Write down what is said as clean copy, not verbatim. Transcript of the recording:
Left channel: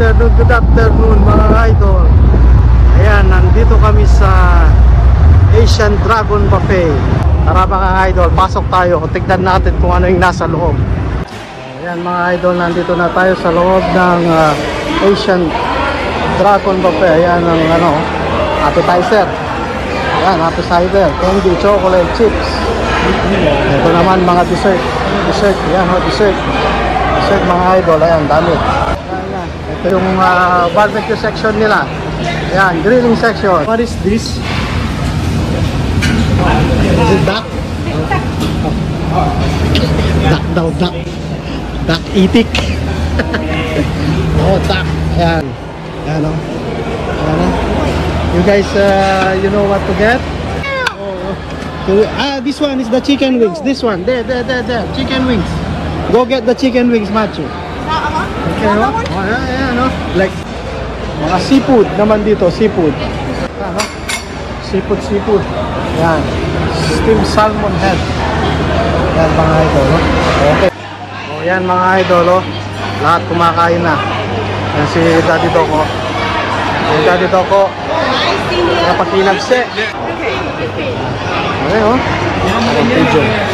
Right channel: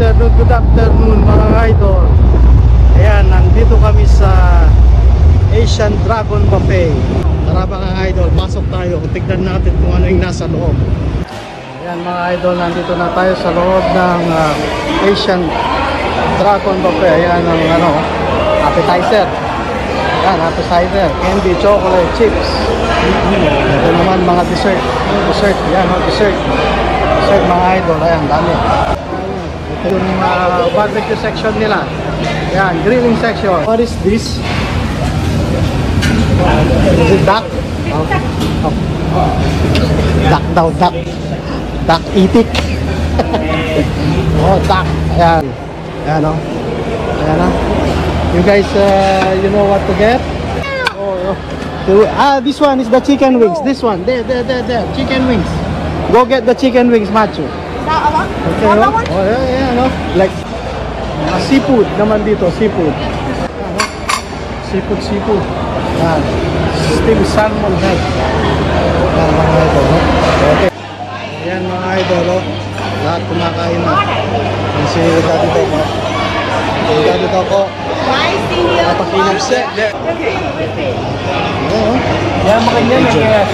good afternoon mga idol. Ayan, nandito kami sa Asian Dragon Buffet. Tara mga idol, pasok tayo. Tignan natin kung ano yung nasa loob. Ayan mga idol, nandito na tayo sa loob ng Asian Dragon Buffet. Ayan ang appetizer. Ayan, appetizer, candy, chocolate, chips. Ito naman mga dessert. Dessert, ayan, dessert mga idol. Ayan, dami. Ito yung barbecue section nila. Ayan, grilling section. What is this? Is it duck? Duck daw, duck. Duck itik. Oh, duck. Ayan. Ayan o. Ayan o. You guys, you know what to get? Oh. So, this one is the chicken wings. This one. There. Chicken wings. Go get the chicken wings, Macho. Okay, oh, yeah, no? Like seafood naman dito, seafood. Seafood. Yan. Steamed salmon head. Yan mga idol. Okay. So, yan mga idol, oh. Lahat kumakain na. Yan si Daddy Toko. Yung Daddy Toko. Napag-inag-set. Ayan, oh. Yan mga yan.